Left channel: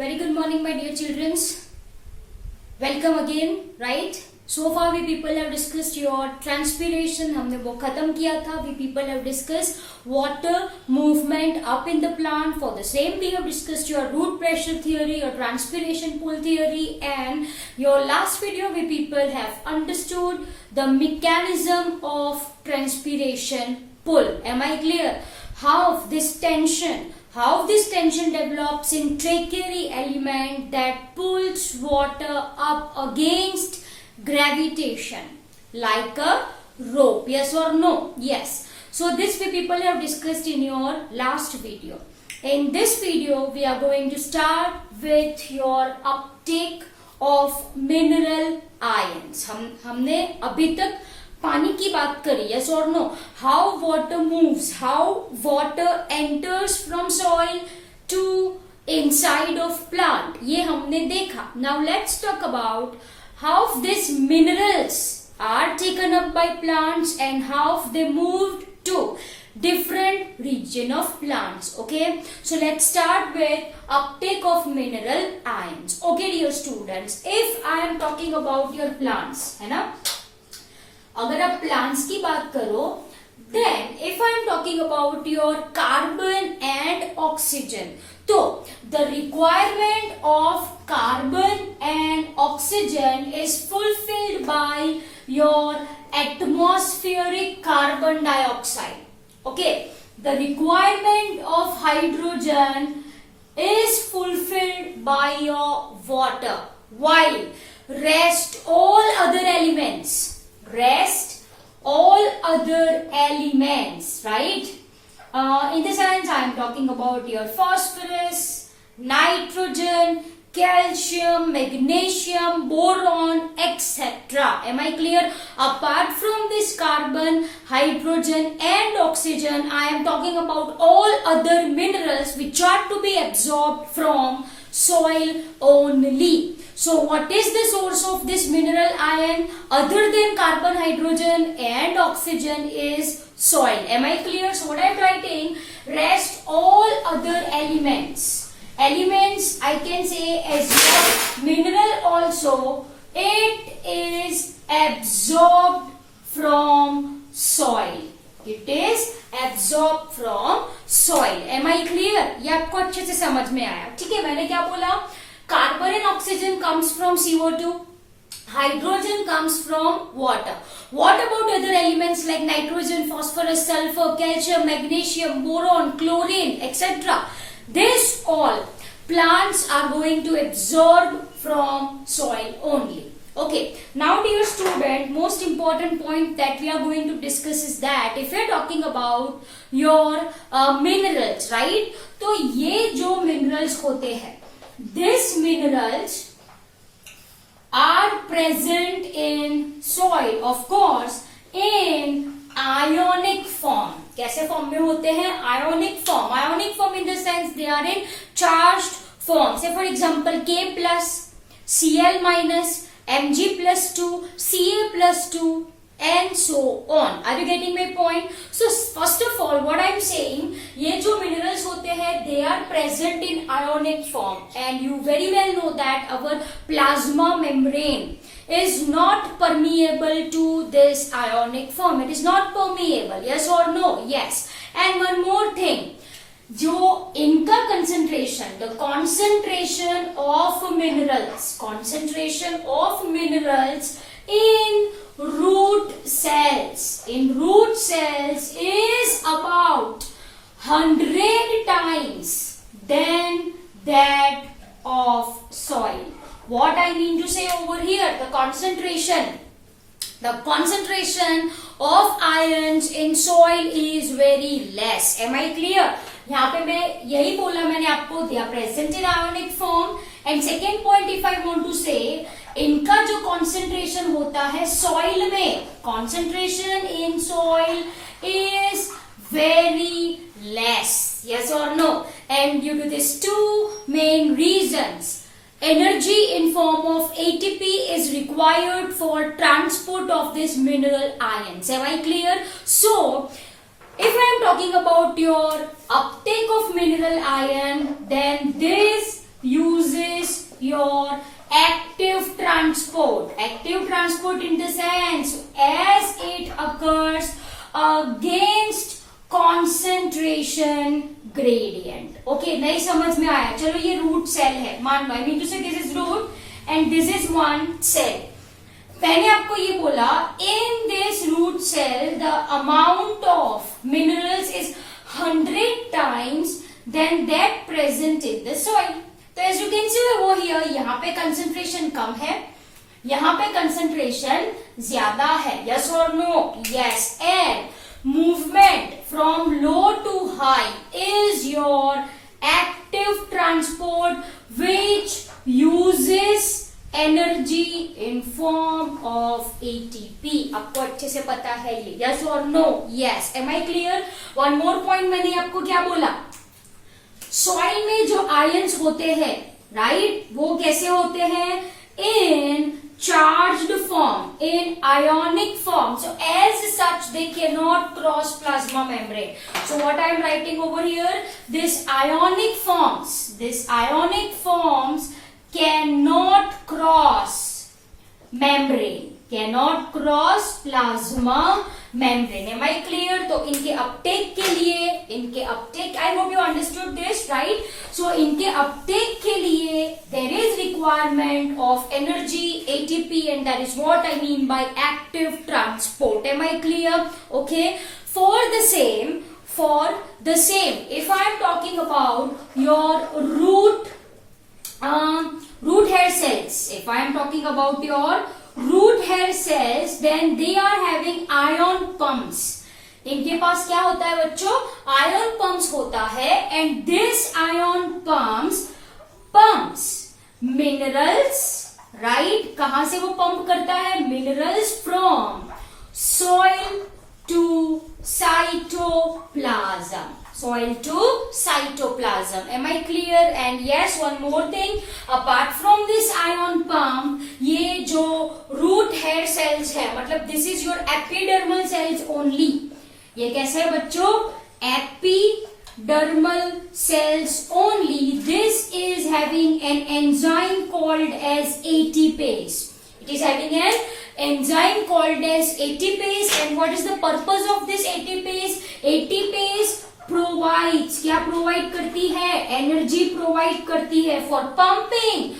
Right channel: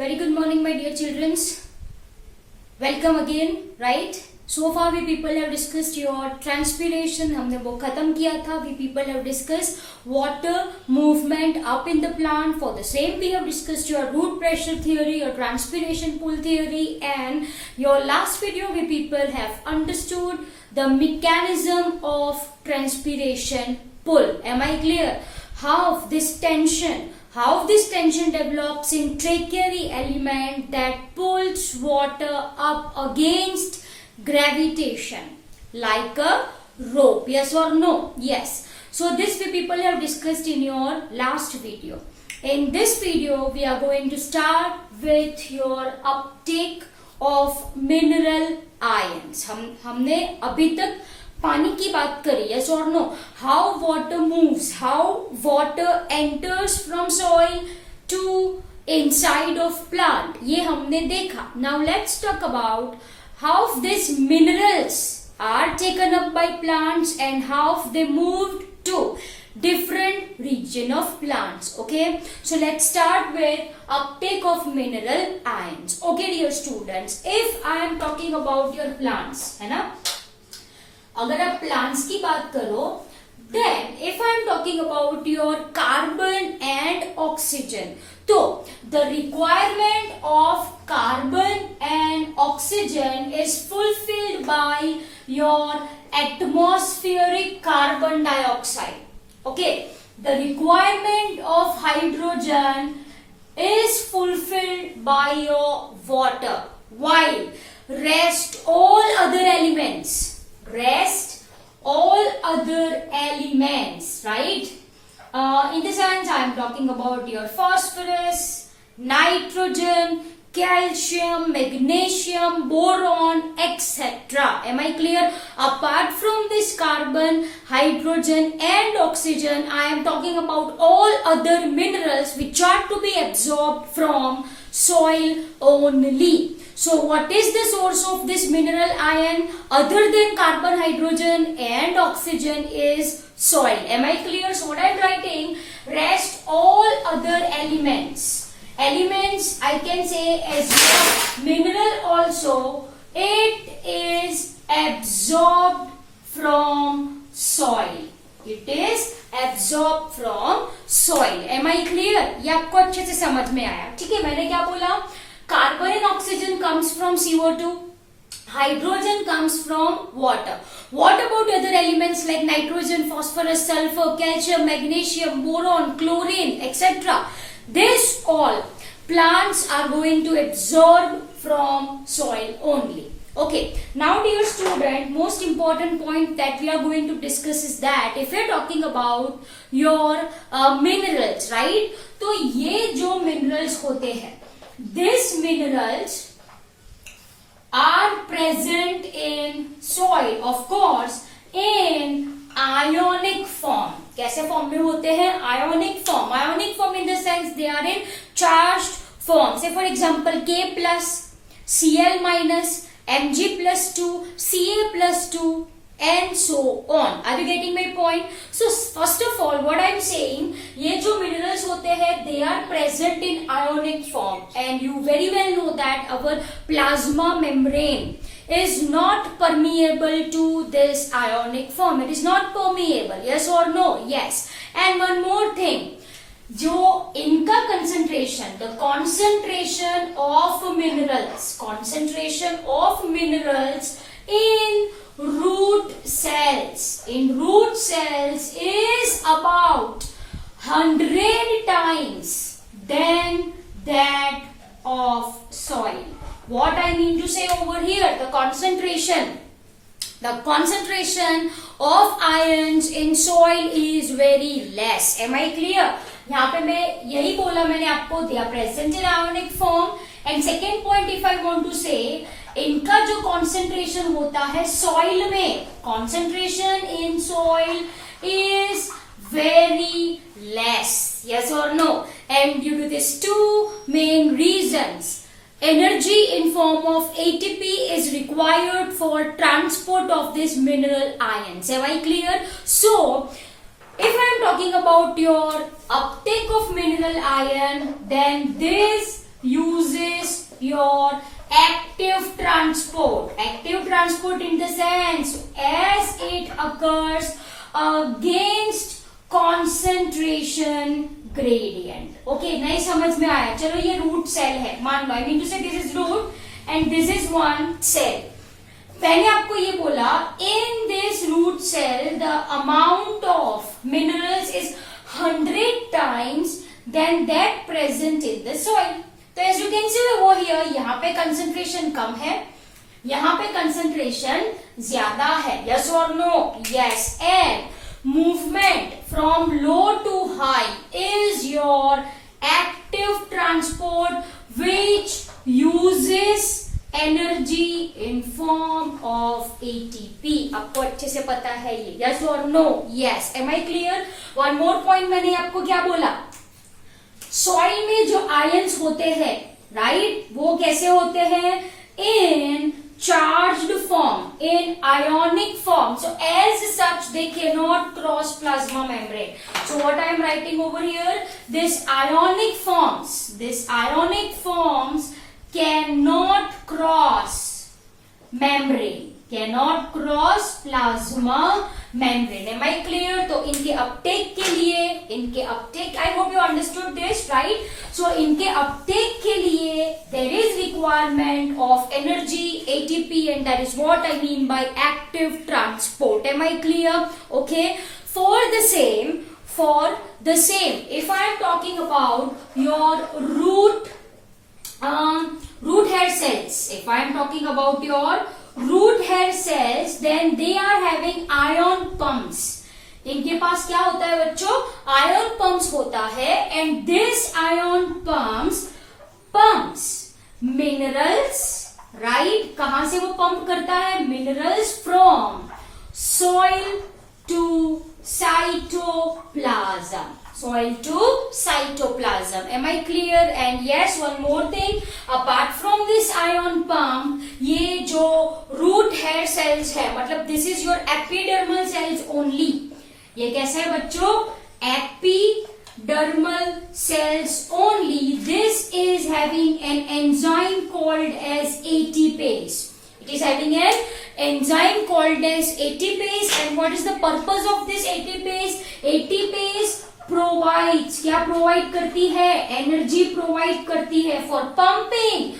Very good morning, my dear children. Welcome again, right? So far we people have discussed your transpiration. हमने वो खत्म किया था. We people have discussed water movement up in the plant. For the same we have discussed your root pressure theory, your transpiration pool theory, and your last video we people have understood the mechanism of transpiration pull. Am I clear? How this tension develops in tracheary element that pulls water up against gravitation like a rope. Yes or no? Yes. So this we people have discussed in your last video. In this video we are going to start with your uptake of mineral ions. हमने अभी तक पानी की बात करी. Yes or no? How water moves, how water enters from soil to inside of plant, ये हमने देखा. Now let's talk about how these minerals are taken up by plants and how they moved to different region of plants. Okay, so let's start with uptake of mineral ions. Okay dear students, if I am talking about your plants, है ना, अगर आप plants की बात करो, then if I am talking about your carbon and oxygen, तो the requirement of carbon and oxygen is fulfilled by your atmospheric carbon dioxide. Okay, the requirement of hydrogen is fulfilled by your water, while rest all other elements, right? In the sense I am talking about your phosphorus, nitrogen, calcium, magnesium, boron, etc. Am I clear? Apart from this carbon, hydrogen and oxygen, I am talking about all other minerals which are to be absorbed from soil only. So what is the source of this mineral ion other than carbon, hydrogen and oxygen is soil. Am I clear? So what I am writing, rest all other elements. Elements I can say as well, mineral also, it is absorbed from soil. It is absorbed from soil. Am I clear? ये आपको अच्छे से समझ में आया. ठीक है, मैंने क्या बोला? Carbon and oxygen comes from CO2. Hydrogen comes from water. What about other elements like nitrogen, phosphorus, sulfur, calcium, magnesium, boron, chlorine, etc.? This all plants are going to absorb from soil only. Okay, now dear student, most important point that we are going to discuss is that if we are talking about your minerals, right? तो ये जो minerals होते हैं, these minerals are present in soil, of course, in ionic form. कैसे form में होते हैं? Ionic form. Ionic form in the sense they are in charged form. Say for example, K plus, Cl minus, Mg+2, Ca+2, and so on. Are you getting my point? So first of all, what I am saying, ये जो minerals होते हैं, they are present in ionic form, and you very well know that our plasma membrane is not permeable to this ionic form. It is not permeable. Yes or no? Yes. And one more thing, जो इनका concentration, the concentration of minerals in root cells is about 100 times than that of soil. What I mean to say over here, the concentration of ions in soil is very less. Am I clear? यहाँ पे मैं यही बोला मैंने आपको, they are present in ionic form. And second point if I want to say, इनका जो concentration होता है soil में, concentration in soil is very less. Yes or no? And due to these two main reasons, energy in form of ATP is required for transport of these mineral ions. Am I clear? So if I am talking about your uptake of mineral ion, then this uses your active transport. Active transport in the sense as it occurs against concentration gradient. Okay, नहीं समझ में आया? चलो ये root cell है, मान लो, I mean to say this is root and this is one cell. मैंने आपको ये बोला in this root cell the amount of minerals is 100 times than that present in the soil. तो as you can see वो here, यहाँ पे concentration कम है, यहाँ पे concentration ज्यादा है. Yes or no? Yes. And movement from low to high is your active transport which uses energy in form of ATP. आपको अच्छे से पता है ये. Yes or no? Yes. Am I clear? One more point मैंने आपको क्या बोला? सॉइल में जो आयंस होते हैं, राइट, वो कैसे होते हैं? इन charged form, in ionic form. So as such they cannot cross plasma membrane. So what I am writing over here, this ionic forms cannot cross membrane, cannot cross plasma membrane. Am I clear? तो इनके Uptake के लिए, इनके Uptake, I hope you understood this, right? So इनके Uptake के लिए there is requirement of energy, ATP, and that is what I mean by active transport. Am I clear? Okay. For the same, if I am talking about your root hair cells, if I am talking about your root hair cells, then they are having ion pumps. इनके पास क्या होता है बच्चों? Ion pumps होता है. And this ion pumps minerals, right, कहां से वो पंप करता है? Minerals from soil to cytoplasm. Soil to cytoplasm. Am I clear? And yes, one more thing. Apart from this ion pump, ये जो root hair cells है, मतलब this is your epidermal cells only. ये कैसे है बच्चों? Epidermal cells only. This is having an enzyme called as ATPase. It is having an enzyme called as ATPase. And what is the purpose of this ATPase? ATPase provides, क्या provide करती है? Energy provide करती है for pumping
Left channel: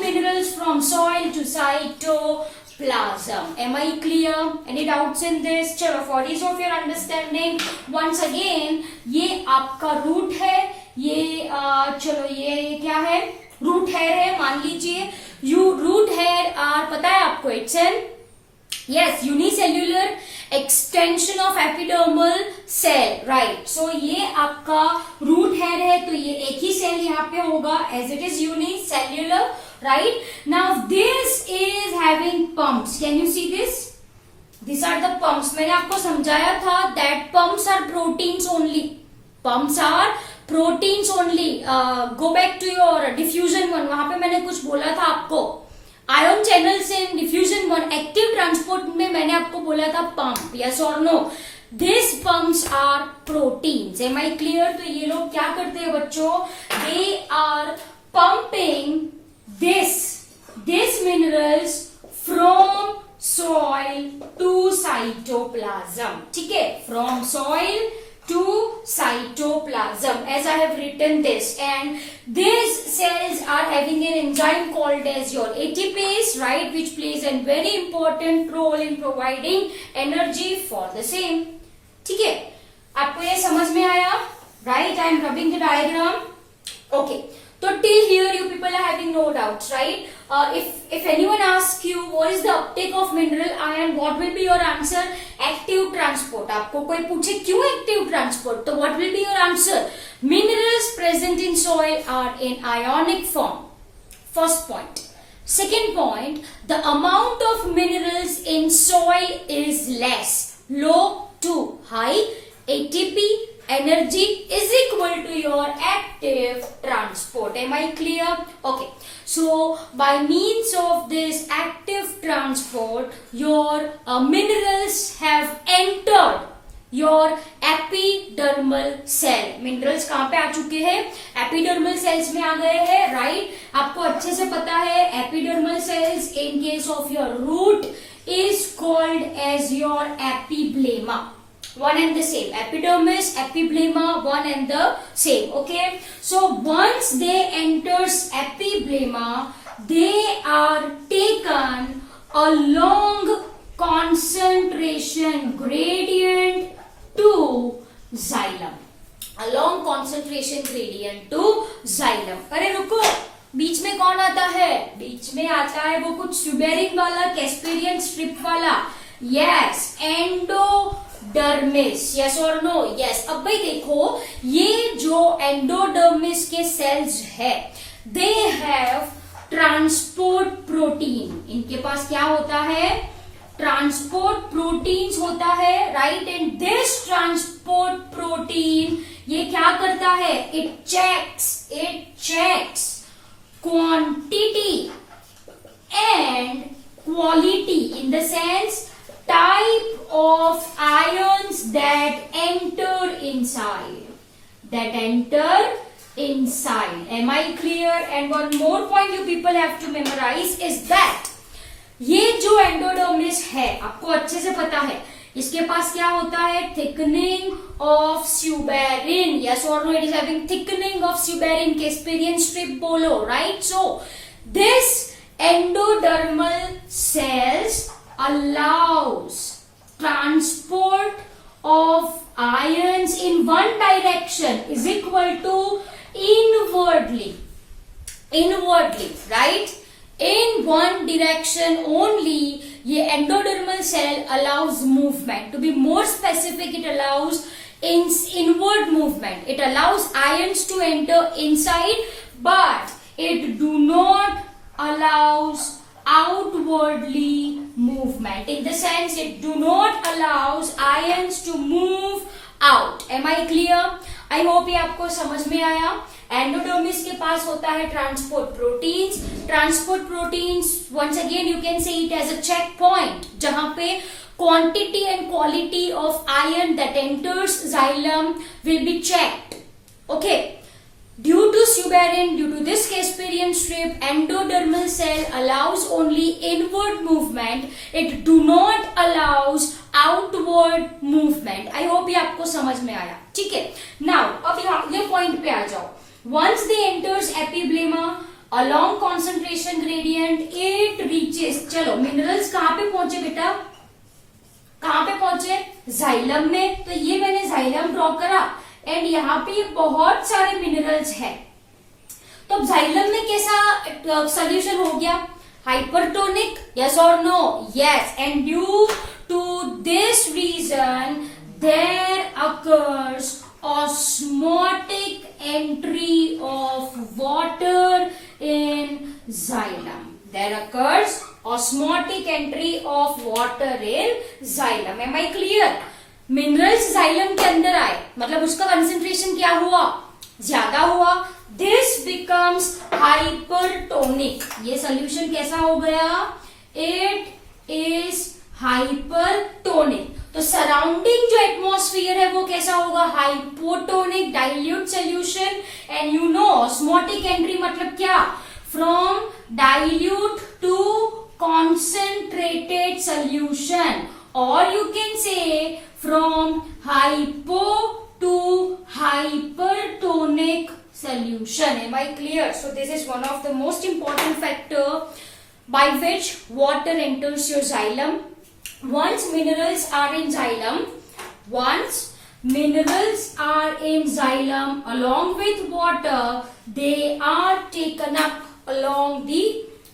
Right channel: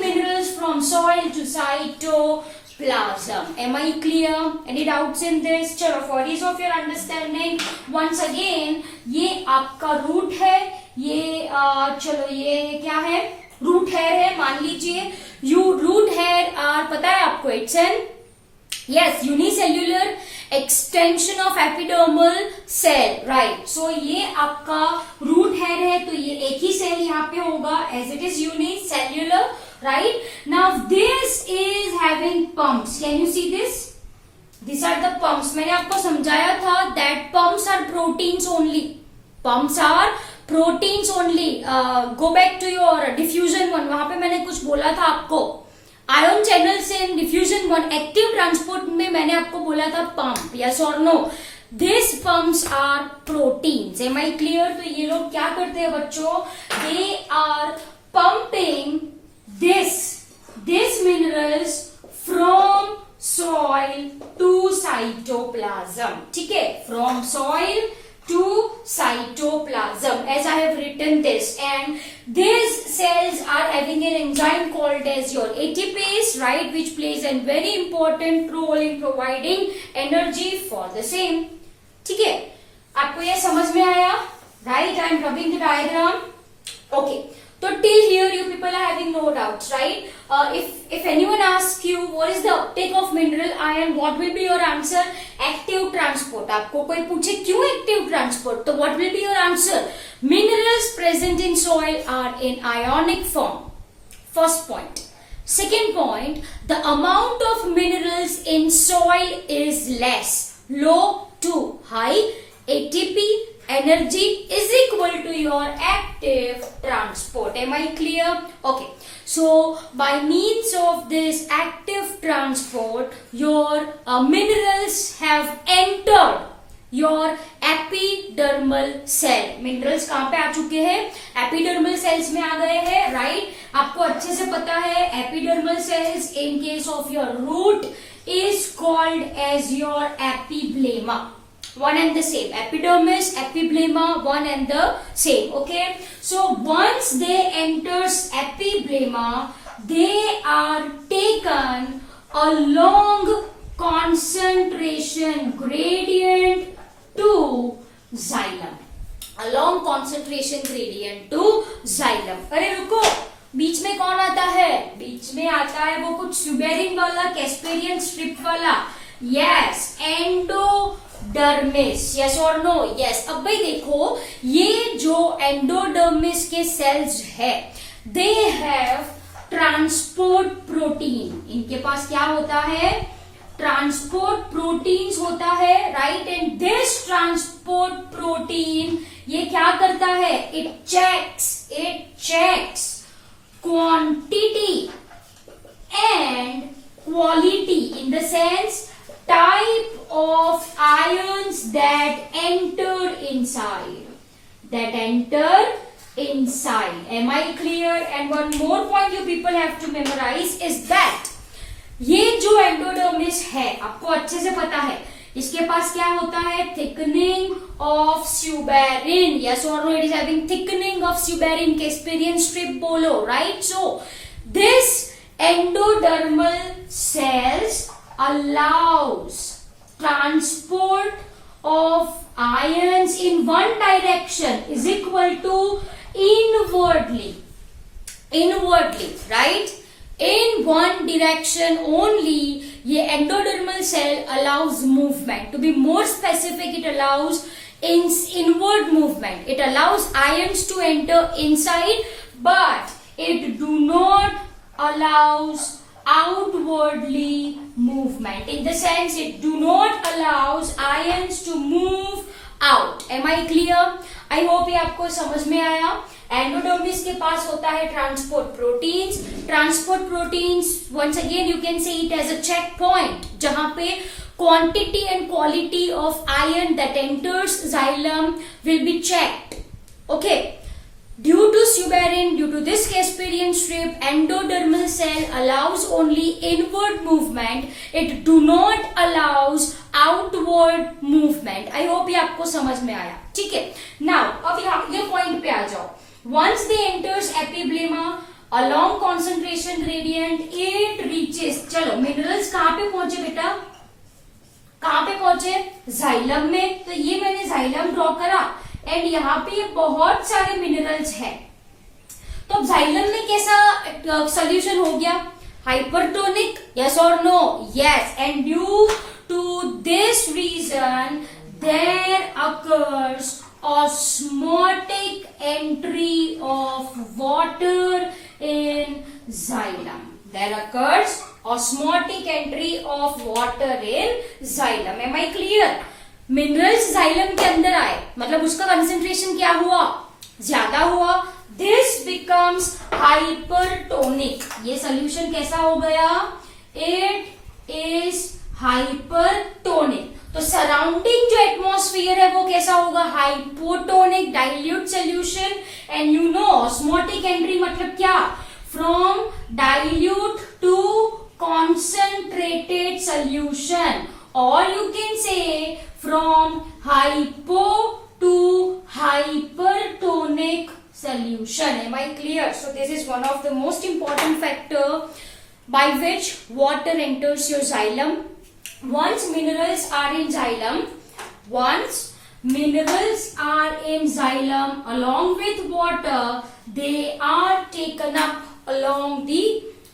minerals from soil to cytoplasm. Am I clear? Any doubts in this? चलो, for ease of your understanding once again, ये आपका root है, ये चलो ये क्या है? रूट हेयर है, मान लीजिए. रूट हेयर आर, पता है आपको, it's an unicellular extension of epidermal cell, right. So ये आपका रूट हेयर है, तो ये एक ही सेल यहाँ पे होगा as it is unicellular, right. Now this is having pumps. Can you see this? This are the pumps. मैंने आपको समझाया था that pumps are proteins only. Pumps are proteins only. Go back to your diffusion one, वहां पे मैंने कुछ बोला था आपको. Ion channels in diffusion one, active transport में मैंने आपको बोला था पंप. यस और no? This pumps are proteins. Am I clear? तो ये लोग क्या करते हैं बच्चों? They are pumping this minerals from soil to cytoplasm. ठीक है, from soil to cytoplasm, as I have written this. And these cells are having an enzyme called as your ATPase, right, which plays a very important role in providing energy for the same. ठीक है, आपको ये समझ में आया? Right, I am rubbing the diagram. Okay. So till here you people are having no doubts, right? If anyone asks you what is the uptake of mineral ion, what will be your answer? Active transport. आपको कोई पूछे क्यों active transport, तो what will be your answer? Minerals present in soil are in ionic form. First point. Second point, the amount of minerals in soil is less, low to high. ATP energy is equal to your active transport. Am I clear? Okay. So by means of this active transport, your minerals have entered your epidermal cell. Minerals कहाँ पे आ चुके हैं? Epidermal cell sales में आ गए हैं, right? आपको अच्छे से पता है epidermal cells in case of your root is called as your epiblema. One and the same. Epidermis, epiblema, one and the same. Okay. So once they enters epiblema, they are taken along concentration gradient to xylem. Along concentration gradient to xylem. अरे रुको, बीच में कौन आता है? बीच में आता है वो कुछ सुबेरिन वाला, कैस्पेरियन स्ट्रिप वाला. Yes, endodermis. यस और नो? यस. अब भाई देखो, ये जो एंडोडर्मिस के सेल्स है, दे हैव ट्रांसपोर्ट प्रोटीन. इनके पास क्या होता है? ट्रांसपोर्ट प्रोटीन्स होता है, right? And this transport protein ये क्या करता है? It checks quantity and quality, in the sense type of ions that enter inside. Am I clear? And one more point you people have to memorize is that ये जो endodermis है, आपको अच्छे से पता है, इसके पास क्या होता है? Thickening of suberin. यस और no? It is having thickening of suberin. Casparian strip बोलो, right? So this endodermal cells allows transport of ions in one direction is equal to inwardly, right? In one direction only. ये endodermal cell allows movement. To be more specific, it allows inward movement. It allows ions to enter inside, but it do not allows outwardly movement. In the sense, it do not allows ions to move out. Am I clear? I hope ये आपको समझ में आया. Endodermis के पास होता है transport proteins. Transport proteins, once again you can see it as a checkpoint, जहां पे quantity and quality of ion that enters xylem will be checked. Okay. Due to suberin, due to this Casparian strip, endodermal cell allows only inward movement. It do not allows outward movement. I hope ये आपको समझ में आया. ठीक है. Now, अब यहाँ ये पॉइंट पे आ जाओ. Once they enters epiblema, along concentration gradient, it reaches. चलो, minerals कहाँ पे पहुंचे बेटा? कहाँ पे पहुंचे? Xylem में. तो ये मैंने xylem ड्रॉ करा. एंड यहाँ पे ये बहुत सारे मिनरल्स हैं. तो जाइलम में कैसा सोल्यूशन हो गया? हाइपरटोनिक. यस और no? Yes. And due to this reason there occurs osmotic entry of water in xylem. There occurs osmotic entry of water in xylem. Am I clear? Minerals xylem के अंदर आए, मतलब उसका concentration क्या हुआ? ज्यादा हुआ. This becomes hypertonic. ये सोल्यूशन कैसा हो गया? It is hypertonic. तो सराउंडिंग जो एटमॉस्फेयर है वो कैसा होगा? Hypotonic, dilute solution. And you know osmotic entry मतलब क्या? From dilute to concentrated solution, और you can say from hypo to hypertonic solution. Am I clear? So this is one of the most important factor by which water enters your xylem. Once minerals are in xylem, along with water, they are taken up along the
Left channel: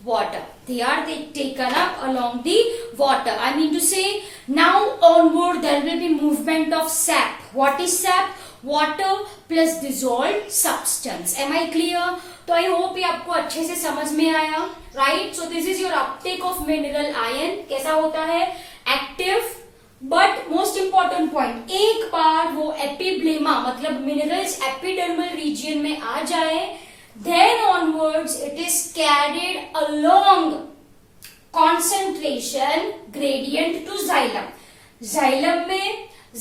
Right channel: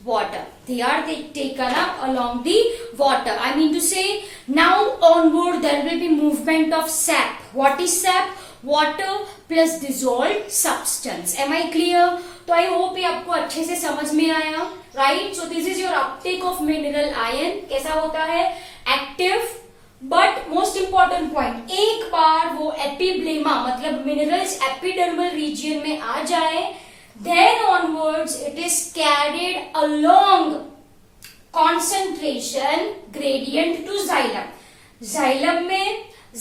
water. They are taken up along the water. I mean to say, now onward there will be movement of sap. What is sap? Water plus dissolved substance. Am I clear? तो I hope ये आपको अच्छे से समझ में आया, right? So this is your uptake of mineral ion. कैसा होता है? Active. But most important point, एक बार वो एपिब्लेमा मतलब मिनरल्स एपिडर्मल रीजियन में आ जाए, then onwards it is carried along concentration gradient to xylem. xylem में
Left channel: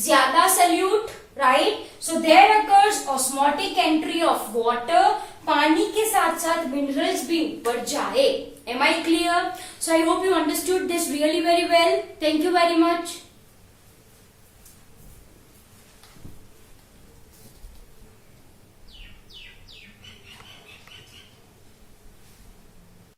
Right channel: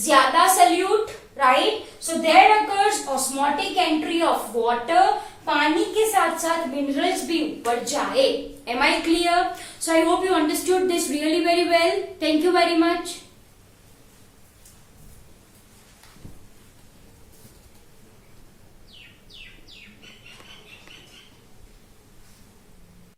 ज्यादा solute, right. So there occurs osmotic entry of water. पानी के साथ साथ मिनरल्स भी ऊपर जाए. Am I clear? So I hope you understood this really very well. Thank you very much.